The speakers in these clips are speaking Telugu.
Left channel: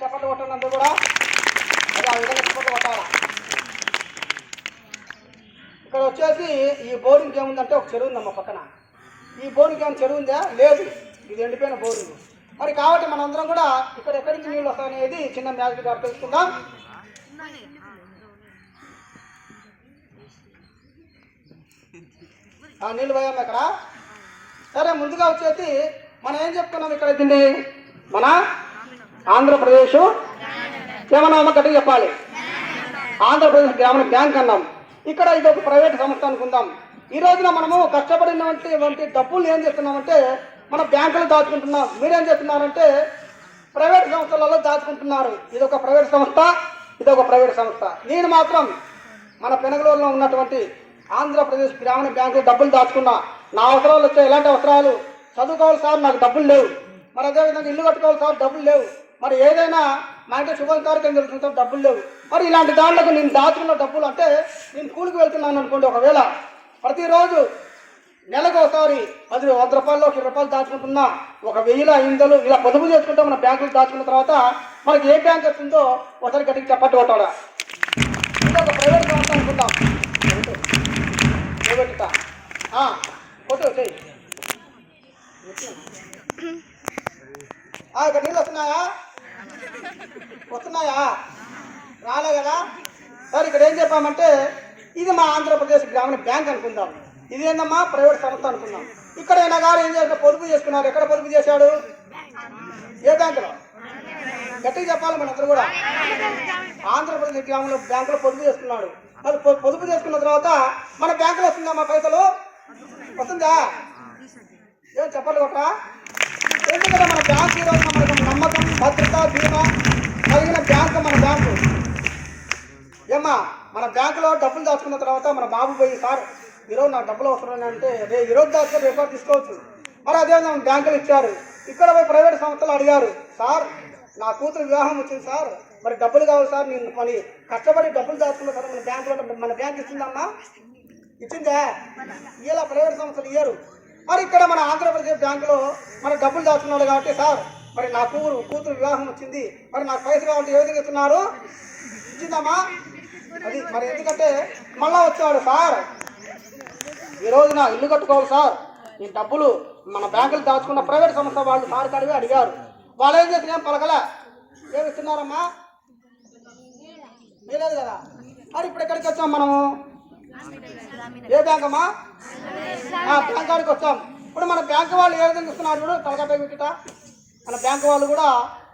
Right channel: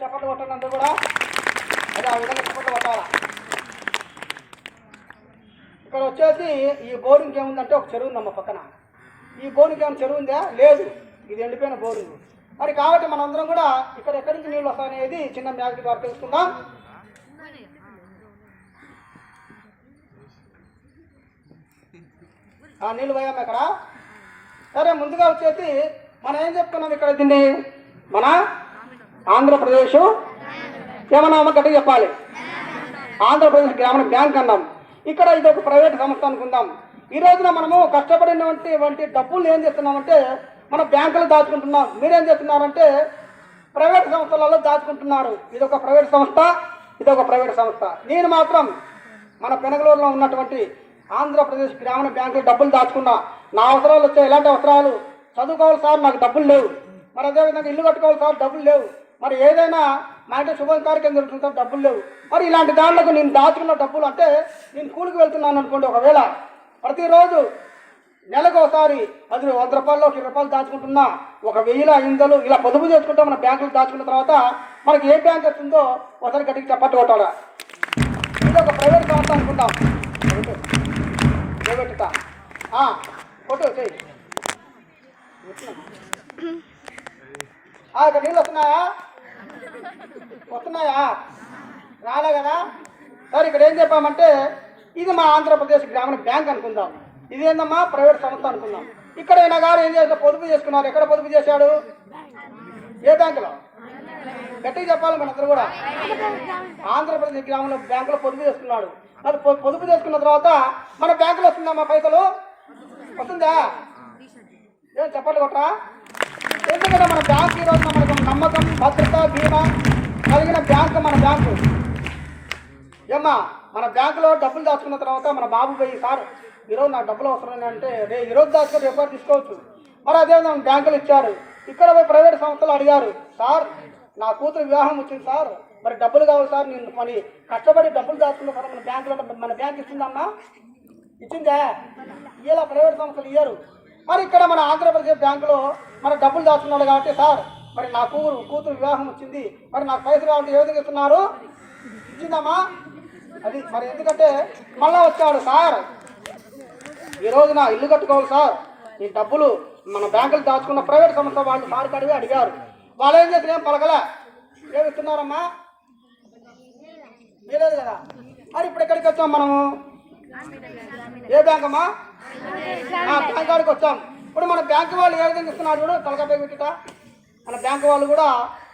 చప్పట్లు కొట్టినందుకు కూడా అది ఆ విధంగా చప్పట్లు కొట్టాలి. ఇక్కడ వచ్చేసి ఈ బోరింగ్ ఏముందంటే ఒక చెరువు ఉందమ్మ పక్కన. ఈ బోరింగ్ ఏమైనా చెరువు ఉందా? లేదు, ఇది ఎండిపోయిన బోరింగ్. మరి కాబట్టి మనందరం కూడా ఇక్కడ ఎక్కడి నుంచి నీళ్ళు వస్తాయనేది చిన్న మ్యాజిక్ ద్వారా తెలుసుకుందాం. నీళ్ళు పోయాము ఇక్కడ. సరే, ముందుగా వచ్చేసి మనం ఏం చెప్తున్నాం ఇక్కడ, దీన్ని మన ఆంధ్రప్రదేశ్ ఏమన్నా గట్టి చెప్పాలి, ఆంధ్రప్రదేశ్ గ్రామీణ బ్యాంక్ అన్నాం. ఇక్కడ ఇది ఒక ప్రైవేట్ సంస్థ అనుకుందాం. ఈ రోజున మనము కష్టపడినటువంటి డబ్బులు ఏం చేస్తున్నామంటే మన బ్యాంకులు దాచుకుంటున్నాం. మీరేం చేస్తున్నారంటే ప్రైవేట్ సంస్థలలో దాచుకుంటున్నారు. ఇదొక ప్రైవేట్ సంస్థ, ఇదొక ప్రైవేట్ సంస్థ. నేను మాత్రం మన పెనగలూరులో ఉన్నటువంటి ఆంధ్రప్రదేశ్ గ్రామీణ బ్యాంకులో డబ్బులు దాచుకున్నా. నా అవసరాలు వచ్చాయి. ఎలాంటి అవసరాలు? చదువుకోవాలి సార్, నాకు డబ్బులు లేవు. మరి అదేవిధంగా ఇల్లు కట్టుకోవాలి సార్, డబ్బులు లేవు. మరి ఏదైనా మా ఇంట్లో శుభం కార్యక్రమం జరుగుతుంది సార్, డబ్బులు లేవు. మరి ఇలాంటి దాంట్లోకి నేను దాచుకున్న డబ్బులు అంటే నేను కూలికి వెళ్తున్నాను అనుకోండి. ఒకవేళ ప్రతిరోజు నెలకు ఒకసారి 100 రూపాయలు 20 రూపాయలు దాచుకుంటున్నా, 1000 500 ఇలా పొదుపు చేసుకుంటే మన బ్యాంకులు దాచుకున్న తర్వాత మనకి ఏ బ్యాంక్ వస్తుందో ఒకసారి గట్టికి చప్పట్టు కొట్టాలా. ఇది ఒక ప్రైవేట్ సంస్థ అనుకుంటాం. ప్రైవేట్గా కొట్టి వచ్చాయి. ఇక్కడ నీళ్ళు వస్తున్నాయా? రాలే కదా. సరే, ఇక్కడ ఏం చెప్పామంటే ఇది మా ఆంధ్రప్రదేశ్ గ్రామీణ బ్యాంక్ అనుకుందాం. ఇది ఏందమ్మా ప్రైవేట్ సంస్థ అనుకుందాం. ఇక్కడ ఆయన గారు ఏం చేశారు? పొదుపు చేసుకున్నారు. ఎక్కడ పొదుపు చేశాడు? ఏ బ్యాంకులో? గట్టిగా చెప్పాలి మనందరూ కూడా. ఆంధ్రప్రదేశ్ గ్రామీణ బ్యాంకులో పొదుపు చేసుకున్నాడు. అది పొదుపు చేసుకున్న తర్వాత మన బ్యాంకులో వస్తుందా మా పైసలు? వస్తుందా? ఏం చెప్పాలి కొట్ట? ఎందుకంటే మన బ్యాంక్ ఈరోజు మనకు నమ్మకం, భద్రత, బీమా కలిగిన బ్యాంకు మన బ్యాంకు. ఏమ్మా, మన బ్యాంకులో డబ్బులు దాచుకున్న తర్వాత మన బాబు పోయి సార్ ఈరోజు నాకు డబ్బులు అవసరం అంటే ఈరోజు దాచుకొని రేపు తీసుకోవచ్చు. మరి అదేవిధంగా బ్యాంకులు ఇచ్చారు. ఇక్కడ పోయి ప్రైవేట్ సంస్థలు అడిగారు, సార్ నా కూతురు వివాహం వచ్చింది సార్, మరి డబ్బులు కావాలి సార్, నేను పని కష్టపడి డబ్బులు దాచుకున్న సార్ మన బ్యాంకులో మన బ్యాంక్ ఇస్తుందమ్మా? ఇచ్చిందా? ఇలా ప్రైవేట్ సంస్థలు ఇయ్యారు. మరి ఇక్కడ మన ఆంధ్రప్రదేశ్ బ్యాంకులో మన డబ్బులు దాచుకున్నాడు కాబట్టి సార్ మరి నా కూతురు వివాహం వచ్చింది, మరి నాకు పైసలు కావాలంటే ఏ విధంగా ఇస్తున్నారు? ఇచ్చిందమ్మా? అది మరి ఎందుకంటే మళ్ళా వచ్చాడు సార్ ఈరోజు నా ఇల్లు కట్టుకోవాలి సార్, ఈ డబ్బులు మన బ్యాంకులు దాచుకున్న ప్రైవేట్ సంస్థ వాళ్ళు సార్ కడిగి అడిగారు. వాళ్ళు ఏం చేసిన ఏం పలకలే. ఏమి ఇస్తున్నారమ్మా? లేదు కదా. మరి ఇప్పుడు ఎక్కడికి వచ్చాం మనము? ఏ బ్యాంక్ అమ్మా? బ్యాంక్ వాడికి వచ్చాం. ఇప్పుడు మన బ్యాంకు వాళ్ళు ఏ విధంగా ఇస్తున్నారు కూడా తలకాపై పెట్టిట. మన బ్యాంకు వాళ్ళు కూడా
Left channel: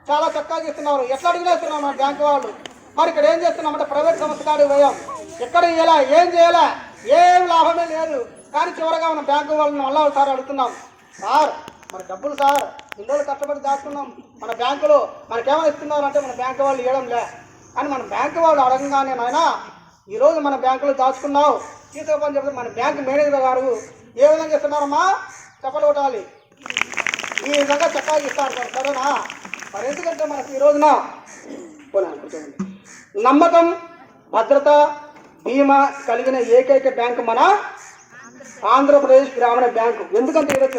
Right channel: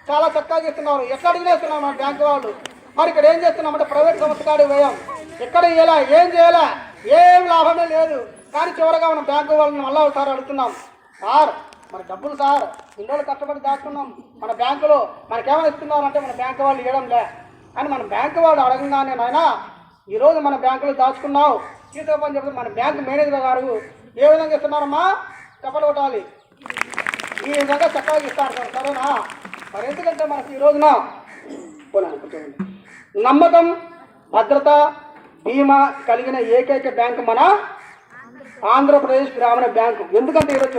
చాలా చక్కగా ఇస్తున్నారు. ఎట్లా అడిగినా ఇస్తున్నారు మన బ్యాంకు వాళ్ళు. మరి ఇక్కడ ఏం చేస్తున్నామంటే ప్రైవేట్ సంస్థ కాడికి పోయాం. ఎక్కడ ఇయ్యాలా, ఏం చేయాలా, ఏం లాభమే లేదు. కానీ చివరిగా మన బ్యాంకు వాళ్ళని మళ్ళీ ఒకసారి అడుగుతున్నాం, సార్ మరి డబ్బులు సార్ ఇల్లు కష్టపడి దాచుకున్నాం మన బ్యాంకులో, మనకేమైనా ఇస్తున్నారంటే మన బ్యాంకు వాళ్ళు ఇవ్వడం లే అని మన బ్యాంకు వాళ్ళు అడగంగానే నాయన ఈరోజు మన బ్యాంకులో దాచుకున్నావు తీసుకోమని చెప్తే మన బ్యాంకు మేనేజర్ గారు ఏ విధంగా ఇస్తున్నారమ్మా? చెప్పలు కొట్టాలి. ఈ విధంగా చక్కగా ఇస్తారు. సరేనా? మరి ఎందుకంటే మనకి ఈ రోజున నమ్మకం, భద్రత, బీమా కలిగిన ఏకైక బ్యాంకు మన ఆంధ్రప్రదేశ్ గ్రామీణ బ్యాంకు. ఎందుకంటే ఈరోజు